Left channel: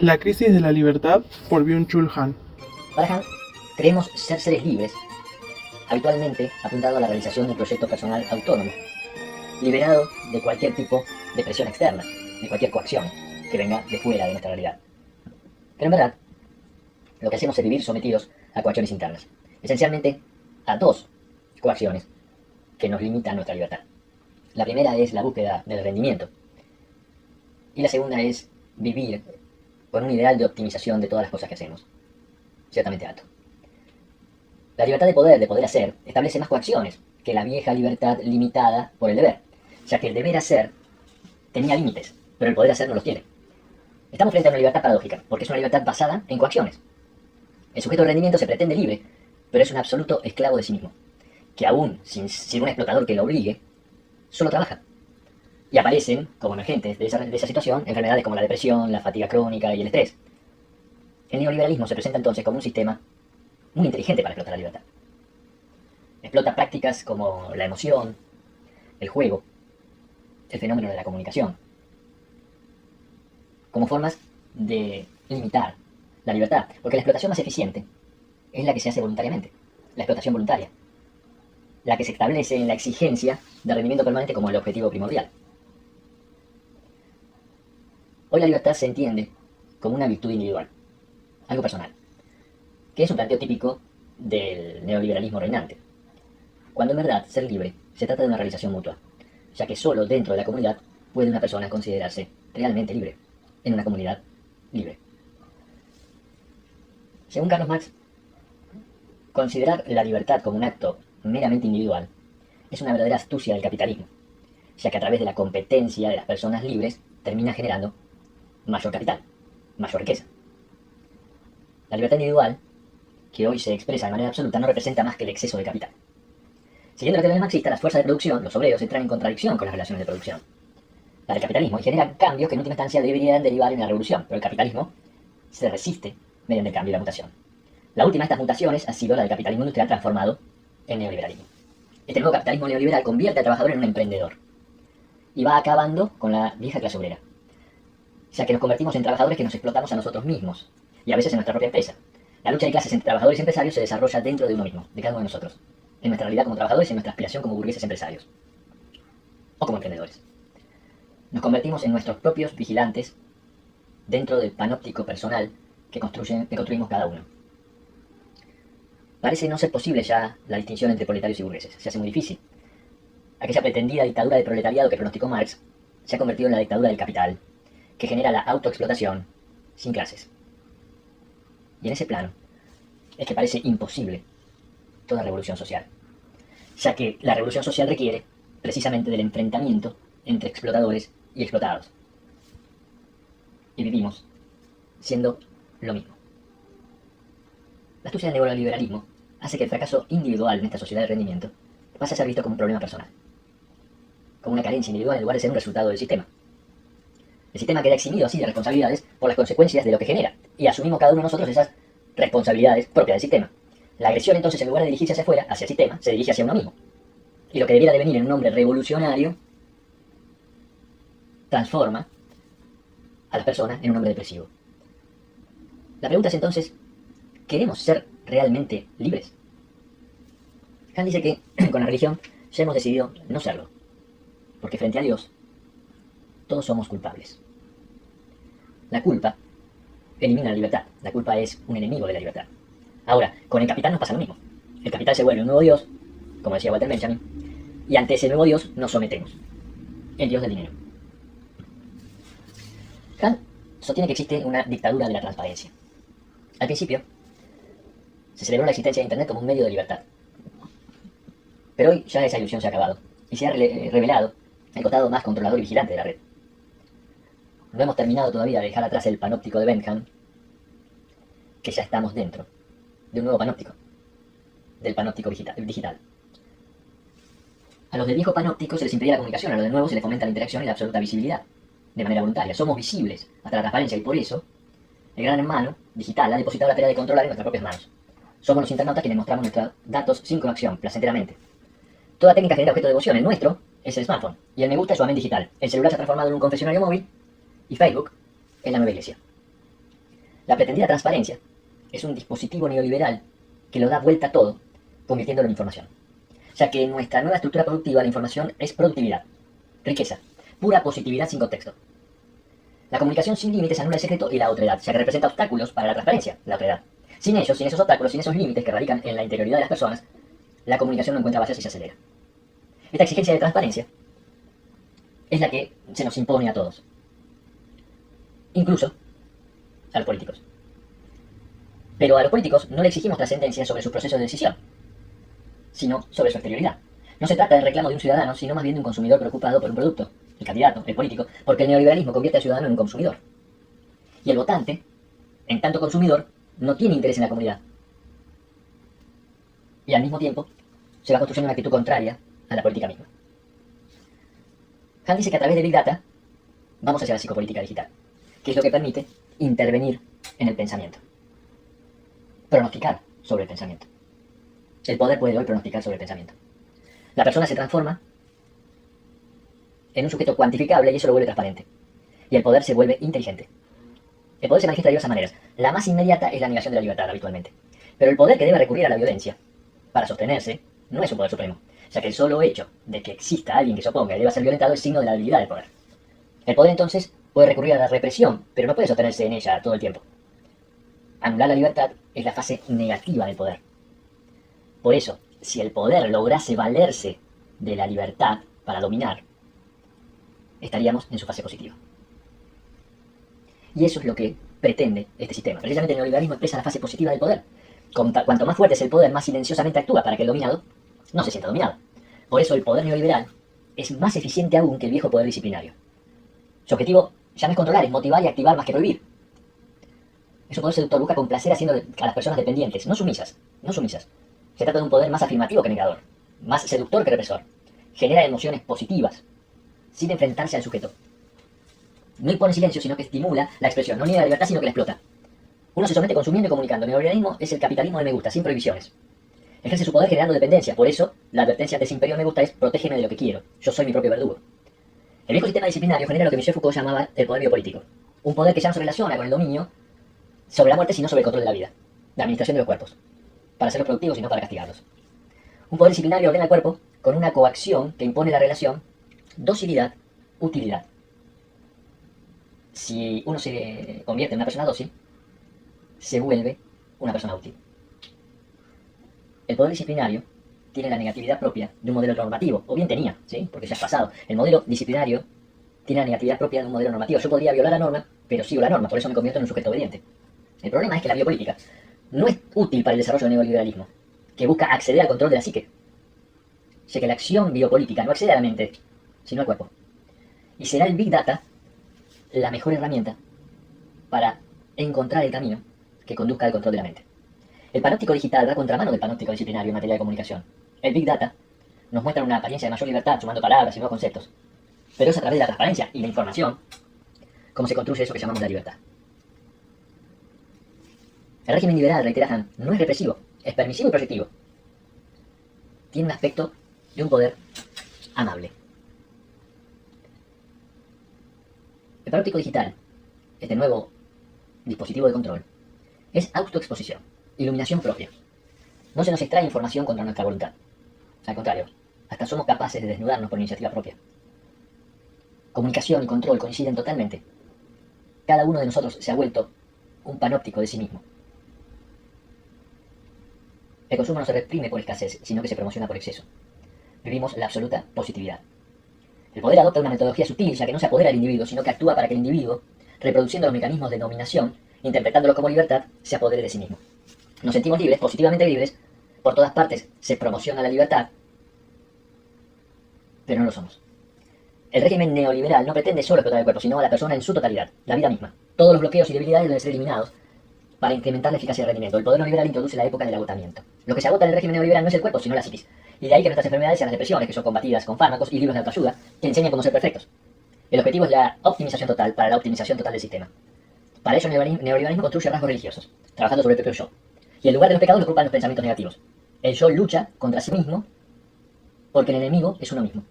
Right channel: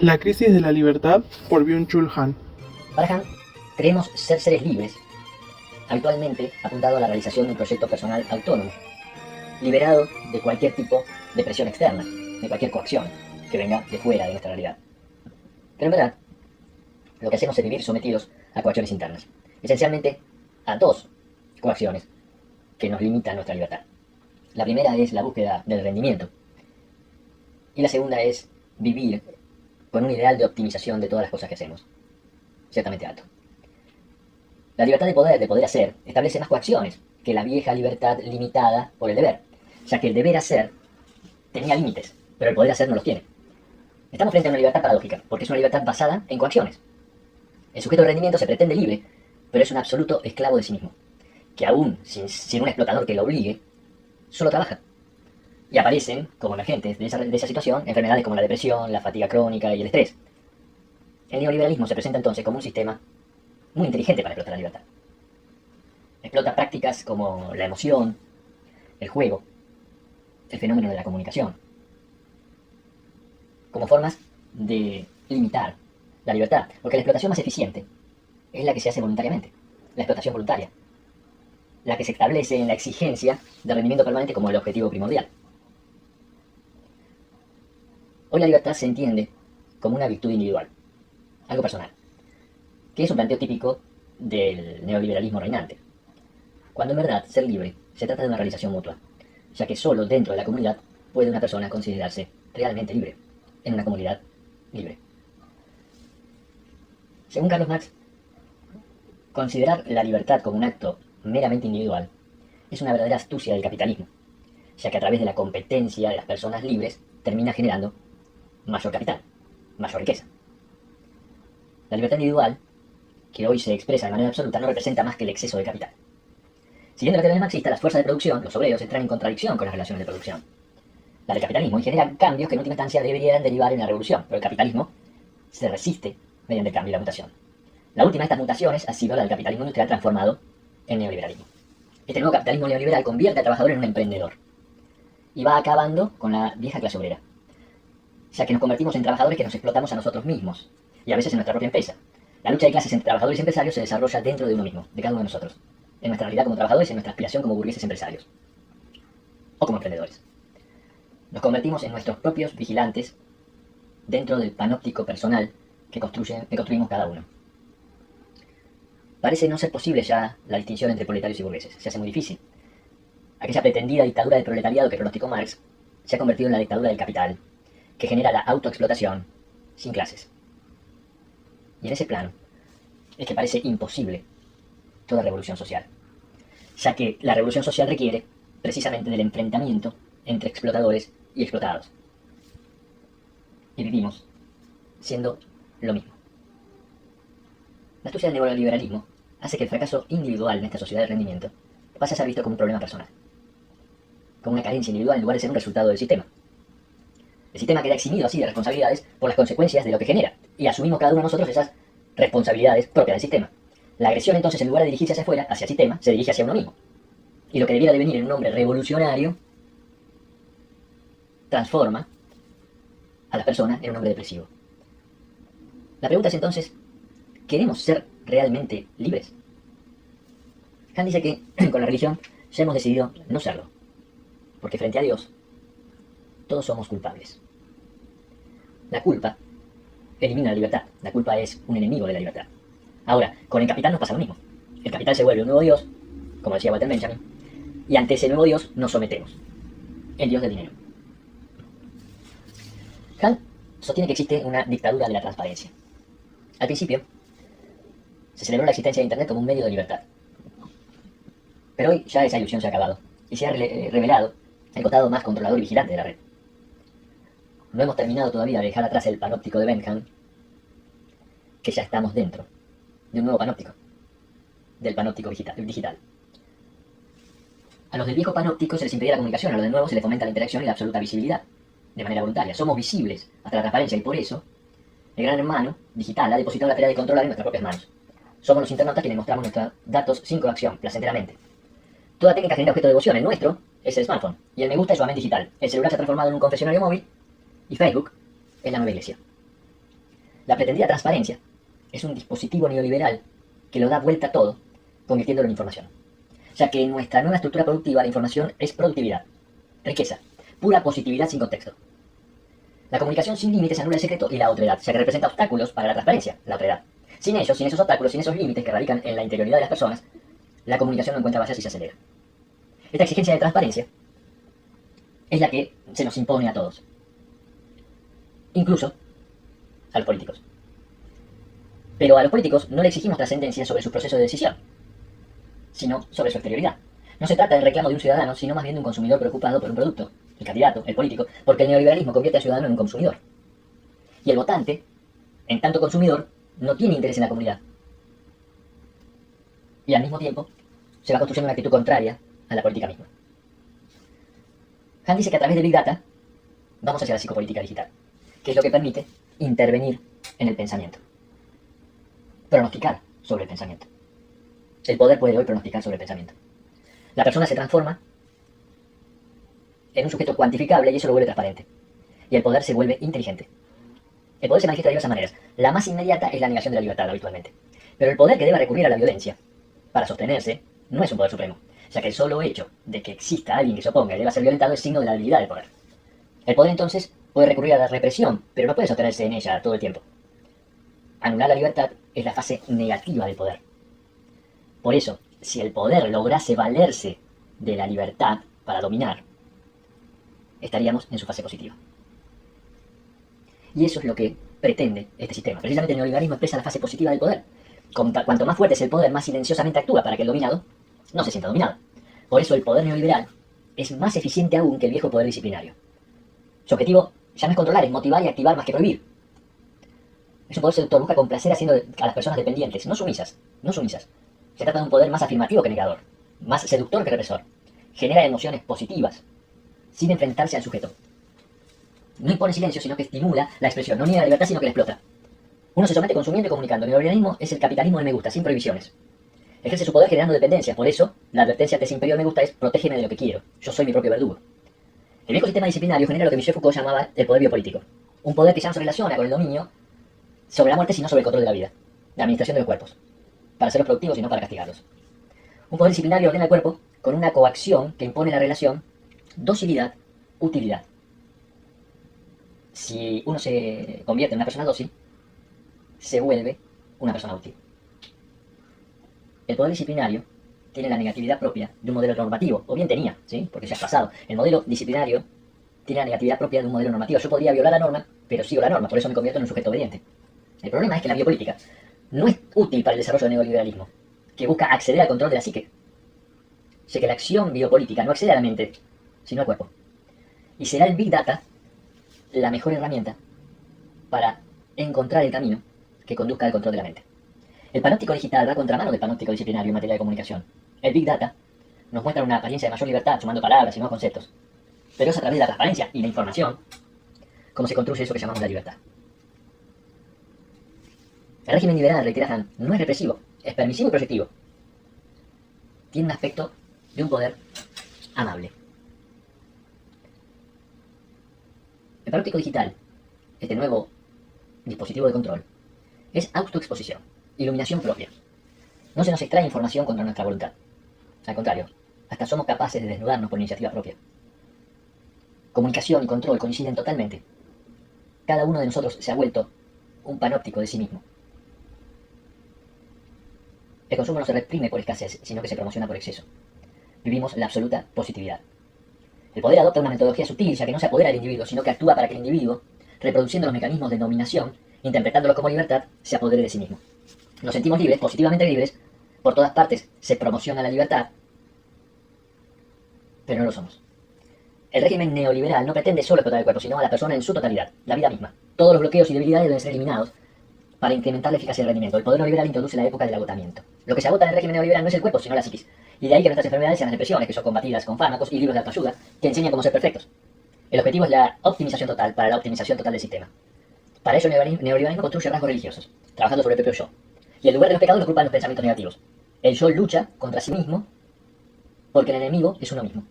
La crisis de la libertad por Byung-Chul Han. Para Han, creemos ser seres libres, habitualmente apuntado a la realización de un proyecto personal autónomo, liberado de cualquier tipo de presión externa, de cualquier coacción que venga de fuera de nuestra realidad. Pero en verdad, lo que hacemos es vivir sometidos a coacciones internas, esencialmente a dos coacciones que nos limitan nuestra libertad. La primera es la búsqueda del rendimiento y la segunda es vivir con un ideal de optimización de todas las cosas que hacemos, ciertamente alto. La libertad de poder hacer, establece más coacciones que la vieja libertad limitada por el deber, ya que el deber hacer tenía límites, pero el poder hacer no los tiene. Estamos frente a una libertad paradójica, porque es una libertad basada en coacciones. El sujeto de rendimiento se pretende libre, pero es un absoluto esclavo de sí mismo, que aún sin un explotador que lo obligue, solo trabaja. Y aparecen, como emergentes de esa situación, enfermedades como la depresión, la fatiga crónica y el estrés. El neoliberalismo se presenta entonces como un sistema muy inteligente para explotar la libertad. Explota prácticas como la emoción, el juego, el fenómeno de la comunicación, como formas de limitar la libertad, porque la explotación más eficiente es la que se hace voluntariamente, la explotación voluntaria, la que se establece en la exigencia de rendimiento permanente como el objetivo primordial. Hoy la libertad se entiende como una virtud individual, algo personal, que es un planteo típico del neoliberalismo reinante, cuando en verdad ser libre se trata de una realización mutua, ya que solo dentro de la comunidad puede una persona considerarse realmente libre, en una comunidad libre. Según Carlos Marx, considerar la libertad como un acto meramente individual es una verdadera astucia del capitalismo, ya que a través de la competencia de las personas libres termina generando mayor capital, mayor riqueza. La libertad individual, que hoy se expresa de manera absoluta, no representa más que el exceso de capital. Siguiendo la teoría marxista, las fuerzas de producción, los obreros, entran en contradicción con las relaciones de producción. La del capitalismo y genera cambios que en última instancia deberían derivar en la revolución, pero el capitalismo se resiste mediante el cambio y la mutación. La última de estas mutaciones ha sido la del capitalismo industrial transformado en neoliberalismo. Este nuevo capitalismo neoliberal convierte al trabajador en un emprendedor y va acabando con la vieja clase obrera, ya que nos convertimos en trabajadores que nos explotamos a nosotros mismos y a veces en nuestra propia empresa. La lucha de clases entre trabajadores y empresarios se desarrolla dentro de uno mismo, de cada uno de nosotros, en nuestra realidad como trabajadores y en nuestra aspiración como burgueses empresarios o como emprendedores. Nos convertimos en nuestros propios vigilantes dentro del panóptico personal que construimos cada uno. Parece no ser posible ya la distinción entre proletarios y burgueses, se hace muy difícil. Aquella pretendida dictadura del proletariado que pronosticó Marx se ha convertido en la dictadura del capital, que genera la autoexplotación sin clases. Y en ese plano es que parece imposible toda revolución social, ya que la revolución social requiere precisamente del enfrentamiento entre explotadores y explotados. Y vivimos siendo lo mismo. La astucia del neoliberalismo hace que el fracaso individual en esta sociedad de rendimiento pase a ser visto como un problema personal, como una carencia individual en lugar de ser un resultado del sistema. El sistema queda eximido así de responsabilidades por las consecuencias de lo que genera, y asumimos cada uno de nosotros esas responsabilidades propias del sistema. La agresión entonces, en lugar de dirigirse hacia afuera, hacia el sistema, se dirige hacia uno mismo. Y lo que debiera devenir en un hombre revolucionario transforma a las personas en un hombre depresivo. La pregunta es entonces, ¿queremos ser realmente libres? Han dice que con la religión ya hemos decidido no serlo, porque frente a Dios todos somos culpables. La culpa elimina la libertad, la culpa es un enemigo de la libertad. Ahora, con el capital nos pasa lo mismo. El capital se vuelve un nuevo Dios, como decía Walter Benjamin, y ante ese nuevo Dios nos sometemos, el Dios del dinero. Kant sostiene que existe una dictadura de la transparencia. Al principio, se celebró la existencia de Internet como un medio de libertad. Pero hoy ya esa ilusión se ha acabado y se ha revelado el costado más controlador y vigilante de la red. No hemos terminado todavía de dejar atrás el panóptico de Bentham, que ya estamos dentro de un nuevo panóptico, del panóptico digital. A los del viejo panóptico se les impedía la comunicación, a los del nuevo se les fomenta la interacción y la absoluta visibilidad, de manera voluntaria. Somos visibles hasta la transparencia y por eso el gran hermano digital ha depositado la tarea de controlar en nuestras propias manos. Somos los internautas quienes mostramos nuestros datos sin coacción, placenteramente. Toda técnica genera objeto de devoción. El nuestro es el smartphone y el me gusta es su amén digital. El celular se ha transformado en un confesionario móvil y Facebook es la nueva iglesia. La pretendida transparencia es un dispositivo neoliberal que lo da vuelta a todo, convirtiéndolo en información. Ya que en nuestra nueva estructura productiva la información es productividad, riqueza, pura positividad sin contexto. La comunicación sin límites anula el secreto y la otredad, ya que representa obstáculos para la transparencia, la otredad. Sin ellos, sin esos obstáculos, sin esos límites que radican en la interioridad de las personas, la comunicación no encuentra bases y se acelera. Esta exigencia de transparencia es la que se nos impone a todos, incluso a los políticos. Pero a los políticos no le exigimos trascendencia sobre su proceso de decisión, sino sobre su exterioridad. No se trata del reclamo de un ciudadano, sino más bien de un consumidor preocupado por un producto, el candidato, el político, porque el neoliberalismo convierte al ciudadano en un consumidor. Y el votante, en tanto consumidor, no tiene interés en la comunidad. Y al mismo tiempo, se va construyendo una actitud contraria a la política misma. Han dice que a través de Big Data vamos hacia la psicopolítica digital, que es lo que permite intervenir en el pensamiento. Pronosticar sobre el pensamiento. El poder puede hoy pronosticar sobre el pensamiento. La persona se transforma en un sujeto cuantificable y eso lo vuelve transparente. Y el poder se vuelve inteligente. El poder se manifiesta de diversas maneras. La más inmediata es la negación de la libertad habitualmente. Pero el poder que debe recurrir a la violencia para sostenerse no es un poder supremo, ya que el solo hecho de que exista alguien que se oponga y deba ser violentado es signo de la debilidad del poder. El poder entonces puede recurrir a la represión, pero no puede sostenerse en ella todo el tiempo. Anular la libertad es la fase negativa del poder. Por eso, si el poder lograse valerse de la libertad para dominar, estaríamos en su fase positiva. Y eso es lo que pretende este sistema. Precisamente el neoliberalismo expresa la fase positiva del poder. Cuanto más fuerte es el poder, más silenciosamente actúa para que el dominado no se sienta dominado. Por eso el poder neoliberal es más eficiente aún que el viejo poder disciplinario. Su objetivo ya no es controlar, es motivar y activar más que prohibir. Es un poder seductor, busca complacer haciendo a las personas dependientes, no sumisas. Se trata de un poder más afirmativo que negador, más seductor que represor. Genera emociones positivas, sin enfrentarse al sujeto. No impone silencio, sino que estimula la expresión. No niega la libertad, sino que la explota. Uno se somete consumiendo y comunicando. El neoliberalismo es el capitalismo de me gusta, sin prohibiciones. Ejerce su poder generando dependencia. Por eso, la advertencia ante ese imperio de me gusta es protégeme de lo que quiero. Yo soy mi propio verdugo. El viejo sistema disciplinario genera lo que Michel Foucault llamaba el poder biopolítico. Un poder que ya no se relaciona con el dominio sobre la muerte, sino sobre el control de la vida. La administración de los cuerpos. Para hacerlos productivos y no para castigarlos. Un poder disciplinario ordena el cuerpo con una coacción que impone la relación docilidad-utilidad. Si uno se convierte en una persona dócil, se vuelve una persona útil. El poder disciplinario tiene la negatividad propia de un modelo normativo, o bien tenía, ¿sí? Porque ya es pasado. El modelo disciplinario tiene la negatividad propia de un modelo normativo. Yo podría violar la norma, pero sigo la norma, por eso me convierto en un sujeto obediente. El problema es que la biopolítica no es útil para el desarrollo del neoliberalismo, que busca acceder al control de la psique. Ya que la acción biopolítica no accede a la mente, sino al cuerpo. Y será el Big Data la mejor herramienta para encontrar el camino que conduzca al control de la mente. El panóptico digital va a contramano del panóptico disciplinario en materia de comunicación. El Big Data nos muestra una apariencia de mayor libertad sumando palabras y nuevos conceptos, pero es a través de la transparencia y la información cómo se construye eso que llamamos la libertad. El régimen liberal, reitera Han, no es represivo, es permisivo y proyectivo. Tiene un aspecto de un poder amable. El panóptico digital, este nuevo dispositivo de control, es autoexposición, iluminación propia. No se nos extrae información contra nuestra voluntad. Al contrario, hasta somos capaces de desnudarnos por iniciativa propia. Comunicación y control coinciden totalmente. Cada uno de nosotros se ha vuelto un panóptico de sí mismo. El consumo no se reprime por escasez, sino que se promociona por exceso. Vivimos la absoluta positividad. El poder adopta una metodología sutil, ya que no se apodera del individuo, sino que actúa para que el individuo, reproduciendo los mecanismos de dominación, interpretándolos como libertad, se apodere de sí mismo. Nos sentimos libres, positivamente libres, por todas partes se promociona la libertad, pero no lo somos. El régimen neoliberal no pretende solo explotar el cuerpo, sino a la persona en su totalidad, la vida misma. Todos los bloqueos y debilidades deben ser eliminados para incrementar la eficacia del rendimiento. El poder neoliberal introduce la época del agotamiento. Lo que se agota en el régimen neoliberal no es el cuerpo, sino la psiquis. Y de ahí que nuestras enfermedades sean las depresiones, que son combatidas con fármacos y libros de autoayuda que enseñan cómo ser perfectos. El objetivo es la optimización total para la optimización total del sistema. Para ello el neoliberalismo construye rasgos religiosos, trabajando sobre el propio yo. Y en lugar de los pecados lo ocupan los pensamientos negativos. El yo lucha contra sí mismo porque el enemigo es uno mismo.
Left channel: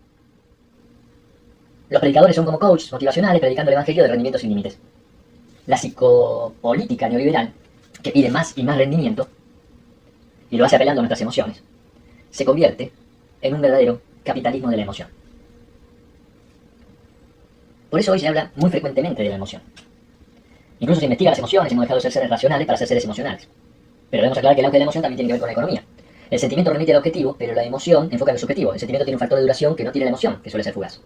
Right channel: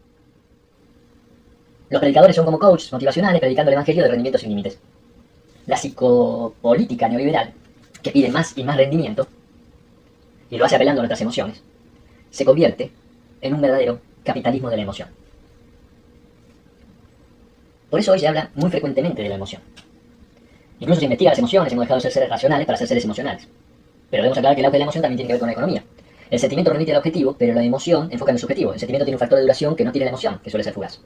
Los predicadores son como coaches motivacionales predicando el evangelio de rendimiento sin límites. La psicopolítica neoliberal, que pide más y más rendimiento, y lo hace apelando a nuestras emociones, se convierte en un verdadero capitalismo de la emoción. Por eso hoy se habla muy frecuentemente de la emoción. Incluso se investiga las emociones, hemos dejado de ser seres racionales para ser seres emocionales. Pero debemos aclarar que el auge de la emoción también tiene que ver con la economía. El sentimiento remite al objetivo, pero la emoción enfoca en el subjetivo. El sentimiento tiene un factor de duración que no tiene la emoción, que suele ser fugaz.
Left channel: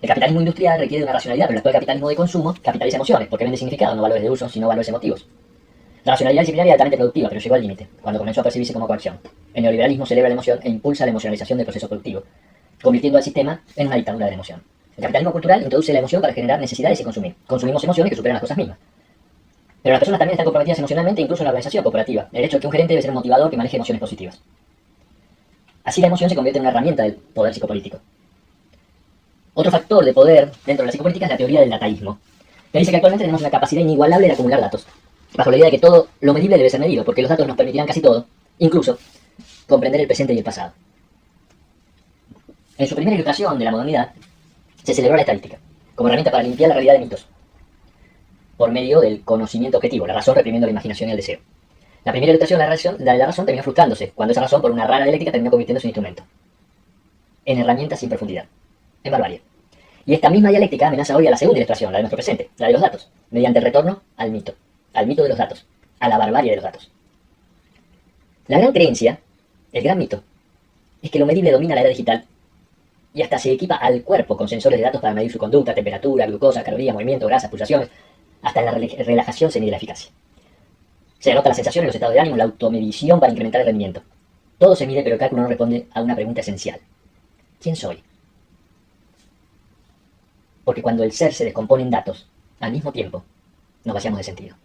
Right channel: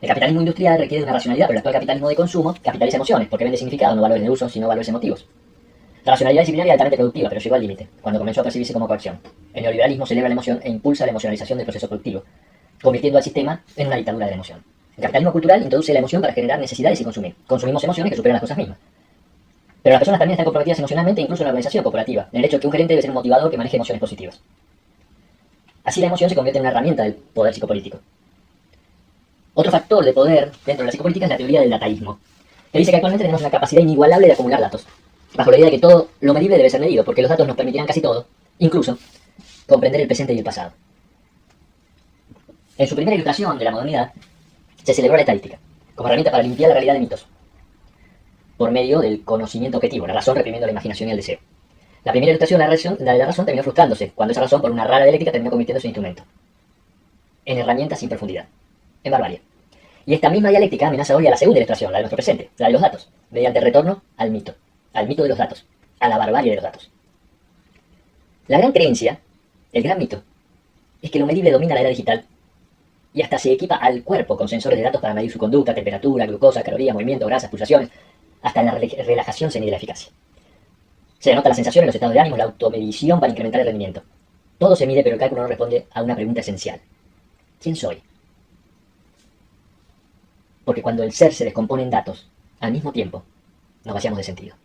El capitalismo industrial requiere de una racionalidad, pero el actual capitalismo de consumo capitaliza emociones, porque vende significado, no valores de uso, sino valores emotivos. La racionalidad disciplinaria es altamente productiva, pero llegó al límite, cuando comenzó a percibirse como coacción. El neoliberalismo celebra la emoción e impulsa la emocionalización del proceso productivo, convirtiendo al sistema en una dictadura de la emoción. El capitalismo cultural introduce la emoción para generar necesidades y consumir. Consumimos emociones que superan las cosas mismas. Pero las personas también están comprometidas emocionalmente, incluso en la organización corporativa. El hecho de que un gerente debe ser un motivador que maneje emociones positivas. Así la emoción se convierte en una herramienta del poder psicopolítico. Otro factor de poder dentro de la psicopolítica es la teoría del dataísmo, que dice que actualmente tenemos una capacidad inigualable de acumular datos, bajo la idea de que todo lo medible debe ser medido, porque los datos nos permitirán casi todo, incluso comprender el presente y el pasado. En su primera ilustración de la modernidad, se celebró la estadística, como herramienta para limpiar la realidad de mitos, por medio del conocimiento objetivo, la razón reprimiendo la imaginación y el deseo. La primera ilustración de la razón terminó frustrándose, cuando esa razón, por una rara dialéctica, terminó convirtiéndose en instrumento, en herramienta sin profundidad, en barbarie. Y esta misma dialéctica amenaza hoy a la segunda ilustración, la de nuestro presente, la de los datos, mediante el retorno al mito de los datos, a la barbarie de los datos. La gran creencia, el gran mito, es que lo medible domina la era digital y hasta se equipa al cuerpo con sensores de datos para medir su conducta, temperatura, glucosa, calorías, movimiento, grasas, pulsaciones, hasta la relajación se mide la eficacia. Se denota la sensación en los estados de ánimo, la automedición para incrementar el rendimiento. Todo se mide, pero el cálculo no responde a una pregunta esencial. ¿Quién soy? Porque cuando el ser se descompone en datos, al mismo tiempo, nos vaciamos de sentido.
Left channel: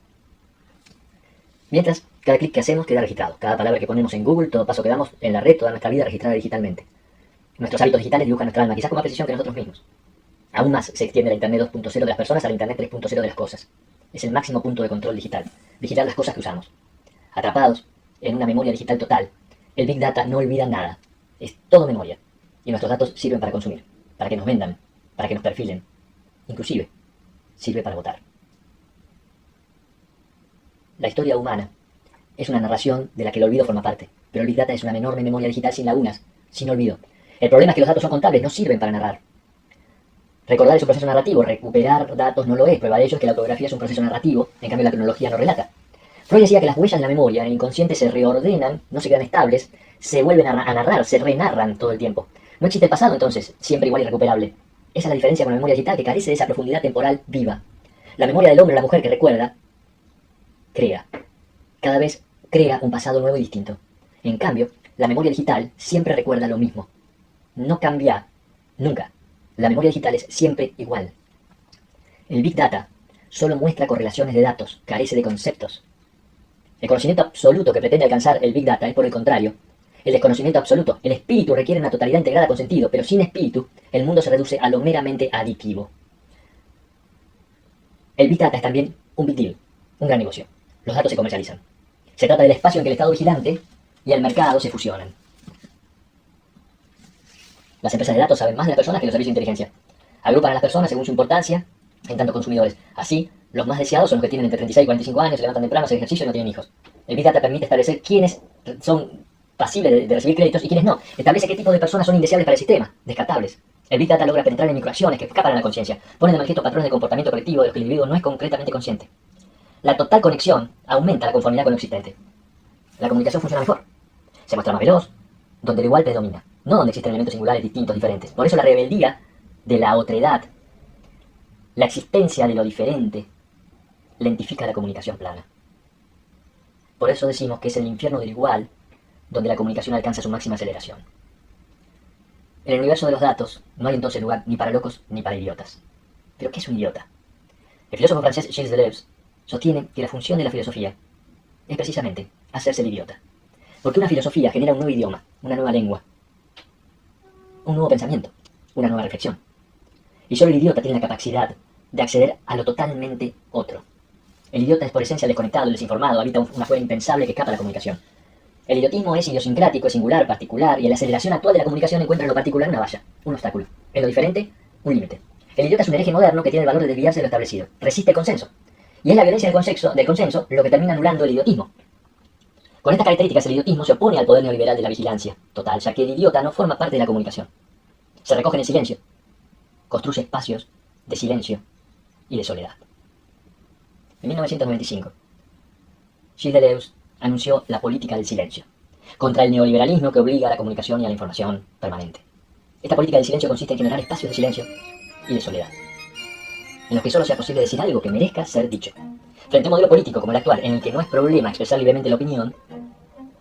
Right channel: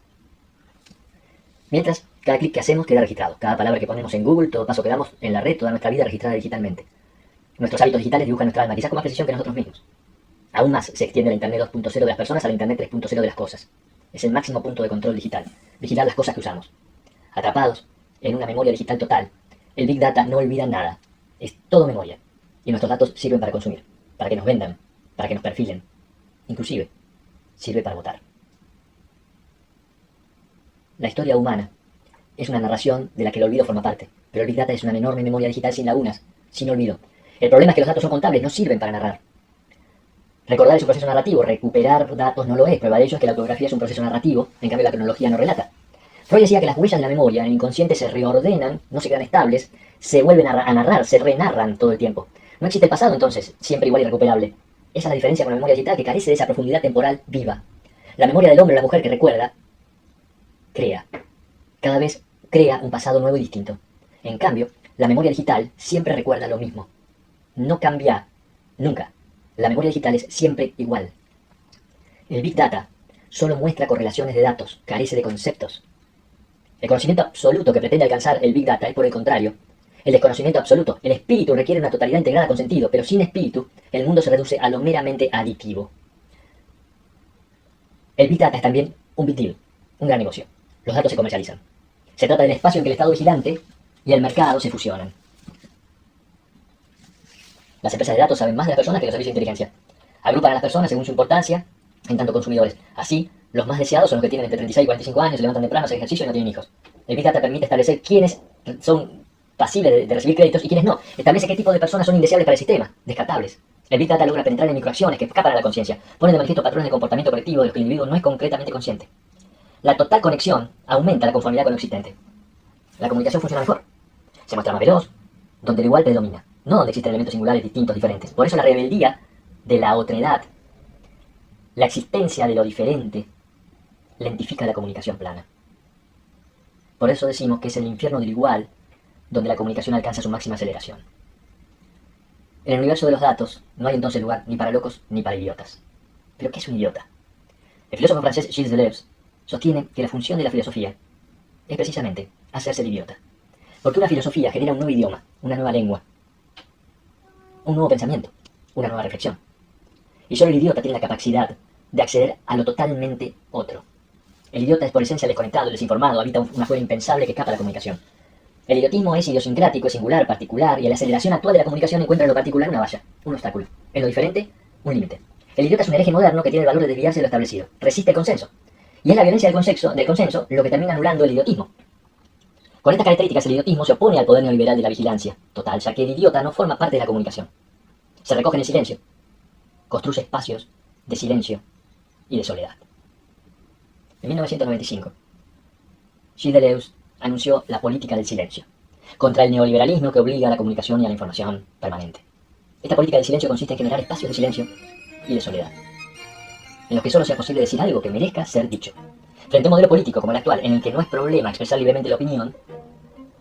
Mientras, cada clic que hacemos queda registrado. Cada palabra que ponemos en Google, todo paso que damos en la red, toda nuestra vida registrada digitalmente. Nuestros hábitos digitales dibujan nuestra alma, quizás con más precisión que nosotros mismos. Aún más se extiende la Internet 2.0 de las personas a la Internet 3.0 de las cosas. Es el máximo punto de control digital. Vigilar las cosas que usamos. Atrapados en una memoria digital total, el Big Data no olvida nada. Es todo memoria. Y nuestros datos sirven para consumir, para que nos vendan, para que nos perfilen. Inclusive, sirve para votar. La historia humana es una narración de la que el olvido forma parte, pero el Big Data es una enorme memoria digital sin lagunas, sin olvido. El problema es que los datos son contables, no sirven para narrar. Recordar es un proceso narrativo, recuperar datos no lo es. Prueba de ello es que la autografía es un proceso narrativo, en cambio la cronología no relata. Freud decía que las huellas de la memoria en el inconsciente se reordenan, no se quedan estables, se vuelven a narrar, se renarran todo el tiempo. No existe el pasado entonces, siempre igual y recuperable. Esa es la diferencia con la memoria digital, que carece de esa profundidad temporal viva. La memoria del hombre o la mujer que recuerda, crea. Cada vez crea un pasado nuevo y distinto. En cambio, la memoria digital siempre recuerda lo mismo. No cambia, nunca. La memoria digital es siempre igual. El Big Data solo muestra correlaciones de datos, carece de conceptos. El conocimiento absoluto que pretende alcanzar el Big Data es, por el contrario, el desconocimiento absoluto. El espíritu requiere una totalidad integrada con sentido, pero sin espíritu, el mundo se reduce a lo meramente aditivo. El Big Data es también un big deal, un gran negocio. Los datos se comercializan. Se trata del espacio en que el Estado vigilante y el mercado se fusionan. Las empresas de datos saben más de las personas que los servicios de inteligencia. Agrupan a las personas según su importancia en tanto consumidores. Así, los más deseados son los que tienen entre 36 y 45 años, se levantan temprano, hacen ejercicio y no tienen hijos. El Big Data permite establecer quiénes son pasibles de recibir créditos y quiénes no. Establece qué tipo de personas son indeseables para el sistema, descartables. El Big Data logra penetrar en microacciones que escapan a la conciencia, pone de manifiesto patrones de comportamiento colectivo de los que el individuo no es concretamente consciente. La total conexión aumenta la conformidad con lo existente. La comunicación funciona mejor. Se muestra más veloz, donde el igual predomina, no donde existen elementos singulares distintos, diferentes. Por eso la rebeldía de la otredad, la existencia de lo diferente, lentifica la comunicación plana. Por eso decimos que es el infierno del igual, donde la comunicación alcanza su máxima aceleración. En el universo de los datos no hay entonces lugar ni para locos ni para idiotas. ¿Pero qué es un idiota? El filósofo francés Gilles Deleuze sostiene que la función de la filosofía es precisamente hacerse el idiota. Porque una filosofía genera un nuevo idioma, una nueva lengua, un nuevo pensamiento, una nueva reflexión. Y solo el idiota tiene la capacidad de acceder a lo totalmente otro. El idiota es por esencia el desconectado, el desinformado, habita una fuera impensable que escapa a la comunicación. El idiotismo es idiosincrático, es singular, particular, y en la aceleración actual de la comunicación encuentra en lo particular una valla, un obstáculo. En lo diferente, un límite. El idiota es un hereje moderno que tiene el valor de desviarse de lo establecido. Resiste el consenso. Y es la violencia del consenso lo que termina anulando el idiotismo. Con estas características, el idiotismo se opone al poder neoliberal de la vigilancia total, ya que el idiota no forma parte de la comunicación. Se recoge en el silencio, construye espacios de silencio y de soledad. En 1995, Gilles Deleuze anunció la política del silencio, contra el neoliberalismo que obliga a la comunicación y a la información permanente. Esta política del silencio consiste en generar espacios de silencio y de soledad, en los que solo sea posible decir algo que merezca ser dicho. Frente a un modelo político como el actual, en el que no es problema expresar libremente la opinión,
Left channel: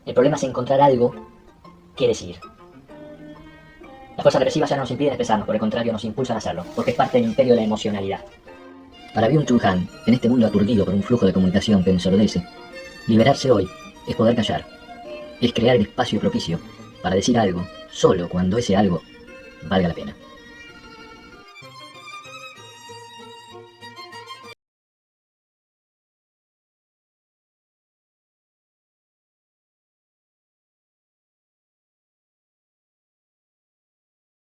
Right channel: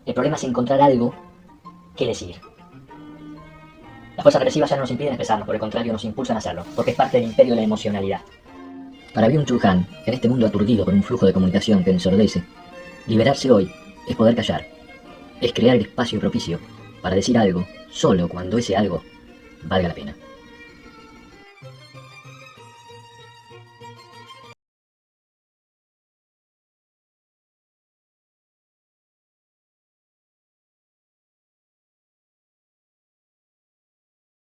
el problema es encontrar algo que decir. Las fuerzas represivas ya no nos impiden expresarnos, por el contrario nos impulsan a hacerlo, porque es parte del imperio de la emocionalidad. Para Byung-Chul Han, en este mundo aturdido por un flujo de comunicación que ensordece, liberarse hoy es poder callar, es crear el espacio propicio para decir algo, solo cuando ese algo valga la pena.